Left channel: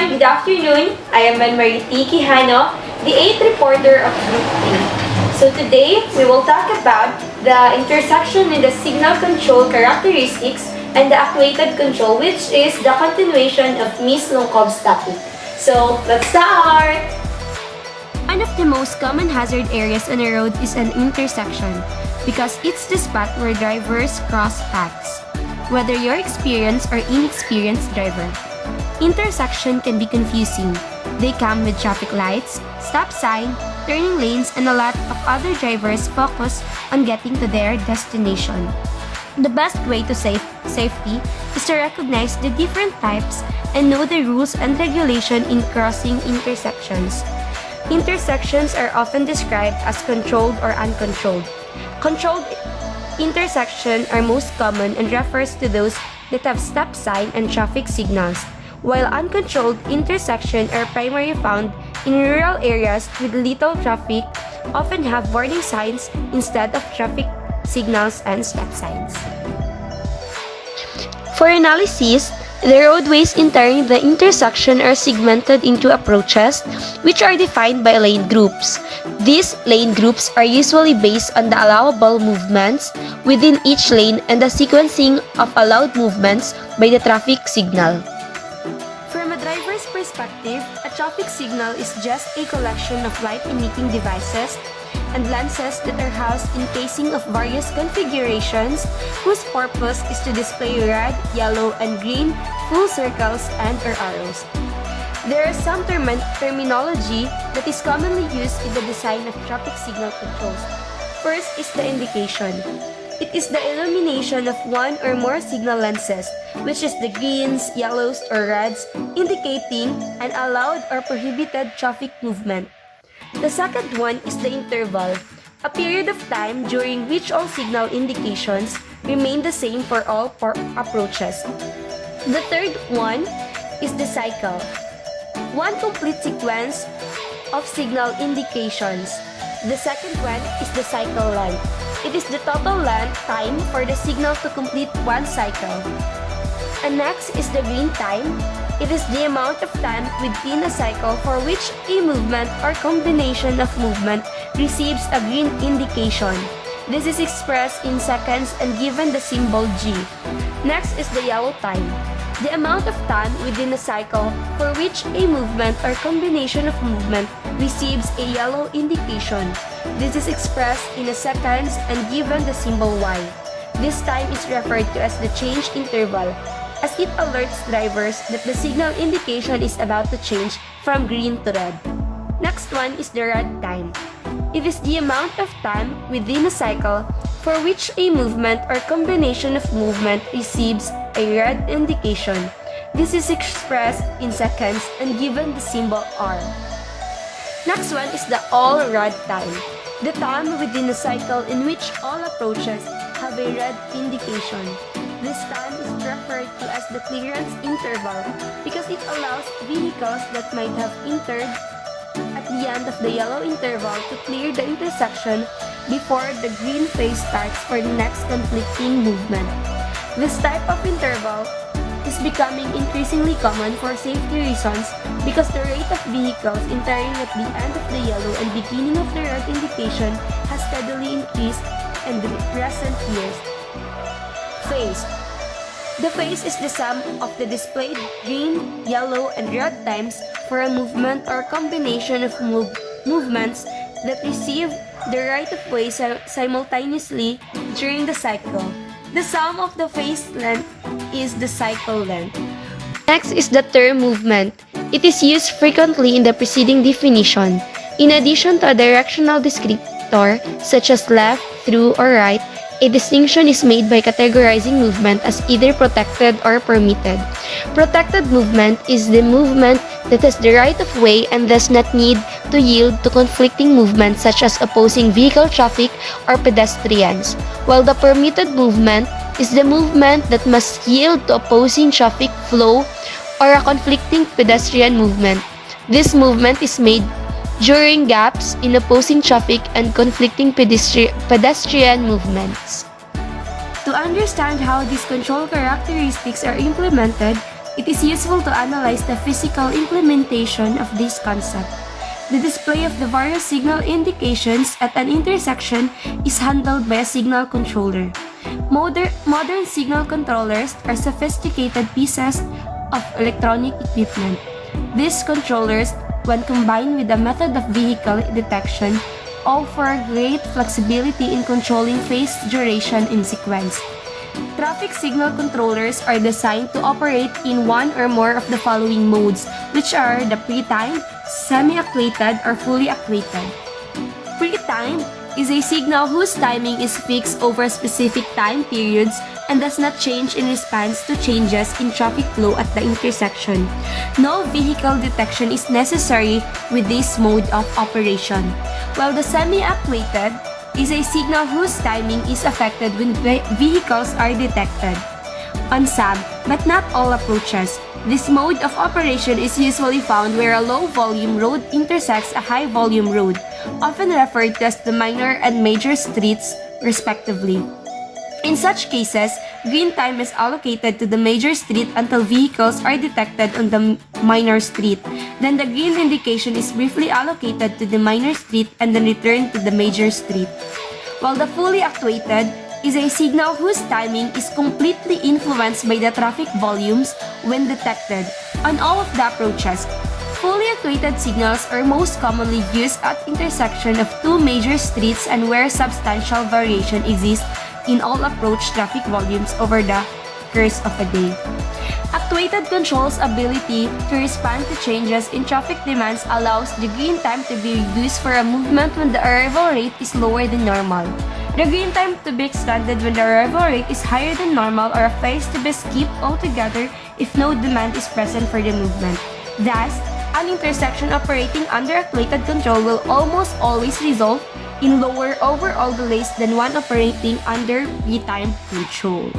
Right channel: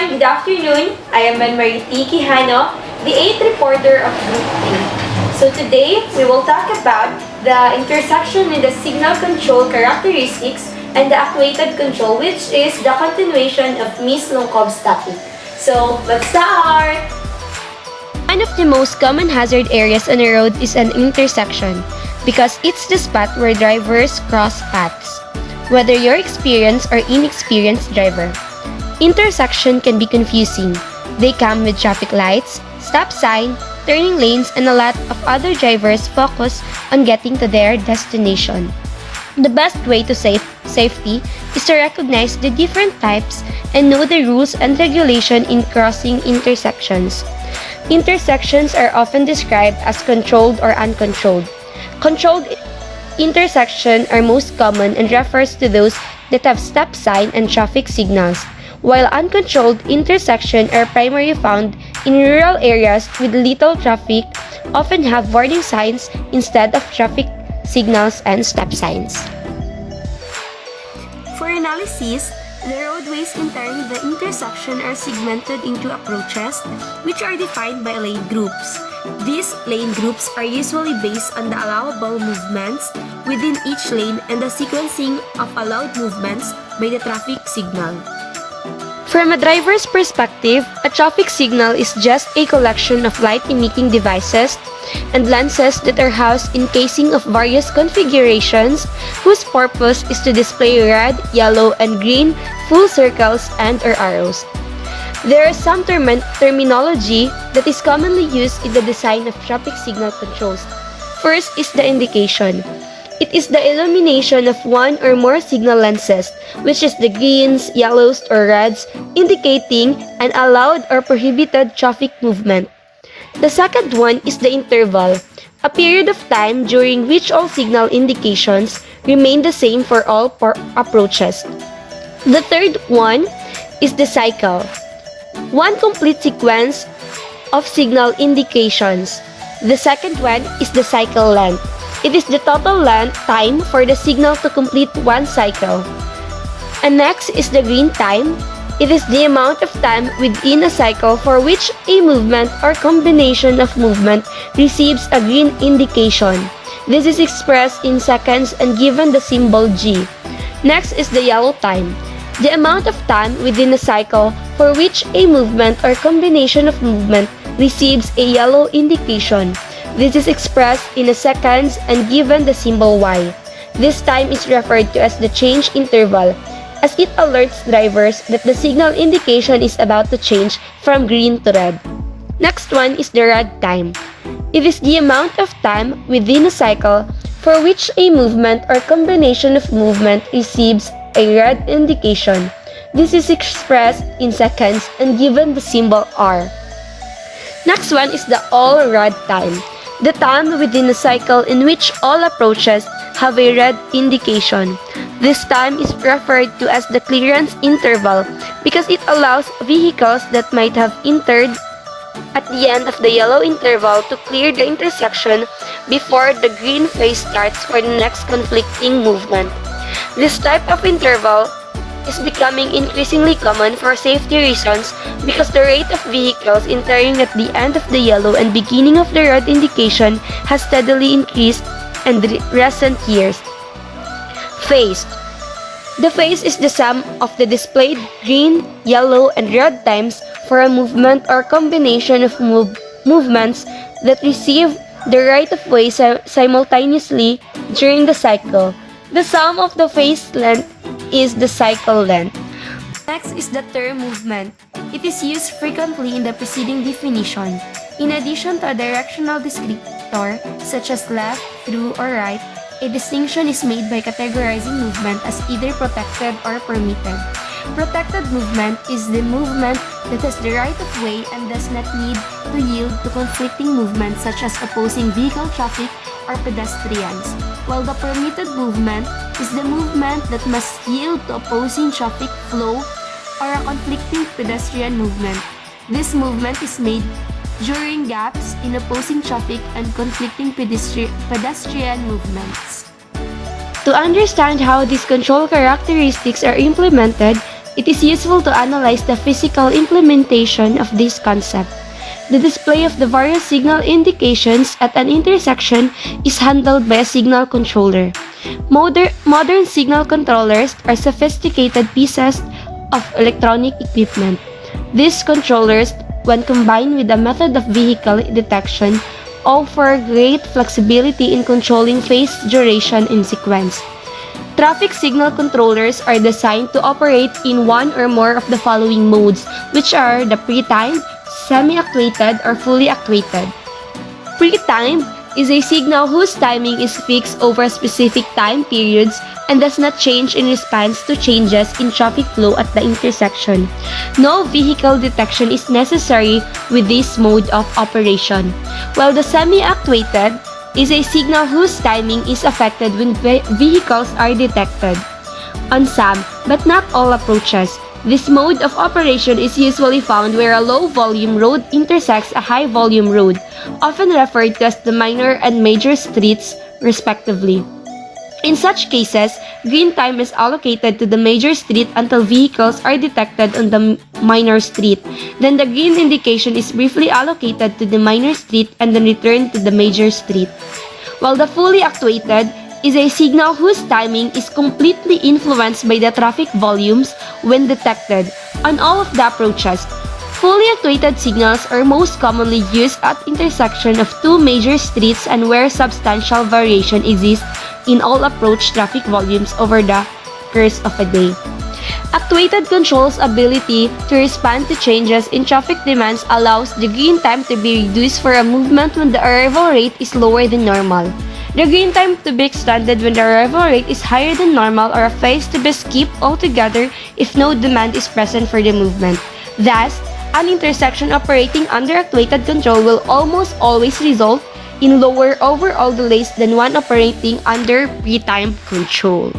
everyone, good afternoon. I am Marie T. Quijano, the 8th reporter of Group 3. So today, we will talk about the intersection with the signal control characteristics and the actuated control, which is the continuation of Ms. Longkov's topic. So, let's start! One of the most common hazard areas on a road is an intersection because it's the spot where drivers cross paths, whether you're experienced or inexperienced driver. Intersection can be confusing. They come with traffic lights, stop sign, turning lanes, and a lot of other drivers focus on getting to their destination. The best way to safety is to recognize the different types and know the rules and regulation in crossing intersections. Intersections are often described as controlled or uncontrolled. Controlled intersections are most common and refers to those that have stop sign and traffic signals, while uncontrolled intersections are primarily found in rural areas with little traffic, often have warning signs instead of traffic signals and stop signs. For analysis, the roadways entering the intersection are segmented into approaches, which are defined by lane groups. These lane groups are usually based on the allowable movements within each lane and the sequencing of allowed movements by the traffic signal. From a driver's perspective, a traffic signal is just a collection of light-emitting devices and lenses that are housed in casing of various configurations whose purpose is to display red, yellow, and green full circles and/or arrows. There is some terminology that is commonly used in the design of traffic signal controls. First is the indication. It is the illumination of one or more signal lenses, which is the greens, yellows, or reds, indicating an allowed or prohibited traffic movement. The second one is the interval, a period of time during which all signal indications remain the same for all approaches. The third one is the cycle, one complete sequence of signal indications. The second one is the cycle length. It is the total time for the signal to complete one cycle. And next is the green time. It is the amount of time within a cycle for which a movement or combination of movement receives a green indication. This is expressed in seconds and given the symbol G. Next is the yellow time. The amount of time within a cycle for which a movement or combination of movement receives a yellow indication. This is expressed in seconds and given the symbol Y. This time is referred to as the change interval, as it alerts drivers that the signal indication is about to change from green to red. Next one is the red time. It is the amount of time within a cycle for which a movement or combination of movement receives a red indication. This is expressed in seconds and given the symbol R. Next one is the all red time. The time within a cycle in which all approaches have a red indication. This time is referred to as the clearance interval because it allows vehicles that might have entered at the end of the yellow interval to clear the intersection before the green phase starts for the next conflicting movement. This type of interval is becoming increasingly common for safety reasons because the rate of vehicles entering at the end of the yellow and beginning of the red indication has steadily increased in recent years. Phase. The phase is the sum of the displayed green, yellow, and red times for a movement or combination of movements that receive the right of way simultaneously during the cycle. The sum of the phase length is the cycle length. Next is the term movement. It is used frequently in the preceding definition. In addition to a directional descriptor such as left, through, or right, a distinction is made by categorizing movement as either protected or permitted. Protected movement is the movement that has the right of way and does not need to yield to conflicting movements such as opposing vehicle traffic or pedestrians, while the permitted movement is the movement that must yield to opposing traffic flow or a conflicting pedestrian movement. This movement is made during gaps in opposing traffic and conflicting pedestrian movements. To understand how these control characteristics are implemented, it is useful to analyze the physical implementation of this concept. The display of the various signal indications at an intersection is handled by a signal controller. Modern signal controllers are sophisticated pieces of electronic equipment. These controllers, when combined with the method of vehicle detection, offer great flexibility in controlling phase duration and sequence. Traffic signal controllers are designed to operate in one or more of the following modes, which are the pre-timed, semi-actuated, or fully actuated. Pre-timed is a signal whose timing is fixed over specific time periods and does not change in response to changes in traffic flow at the intersection. No vehicle detection is necessary with this mode of operation, while the semi-actuated is a signal whose timing is affected when vehicles are detected. On some, but not all approaches, this mode of operation is usually found where a low-volume road intersects a high-volume road, often referred to as the minor and major streets, respectively. In such cases, green time is allocated to the major street until vehicles are detected on the minor street. Then the green indication is briefly allocated to the minor street and then returned to the major street. While the fully actuated is a signal whose timing is completely influenced by the traffic volumes when detected. On all of the approaches, fully actuated signals are most commonly used at intersection of two major streets and where substantial variation exists in all approach traffic volumes over the course of a day. Actuated control's ability to respond to changes in traffic demands allows the green time to be reduced for a movement when the arrival rate is lower than normal. The green time to be extended when the arrival rate is higher than normal, or a phase to be skipped altogether if no demand is present for the movement. Thus, an intersection operating under actuated control will almost always result in lower overall delays than one operating under pre-timed control.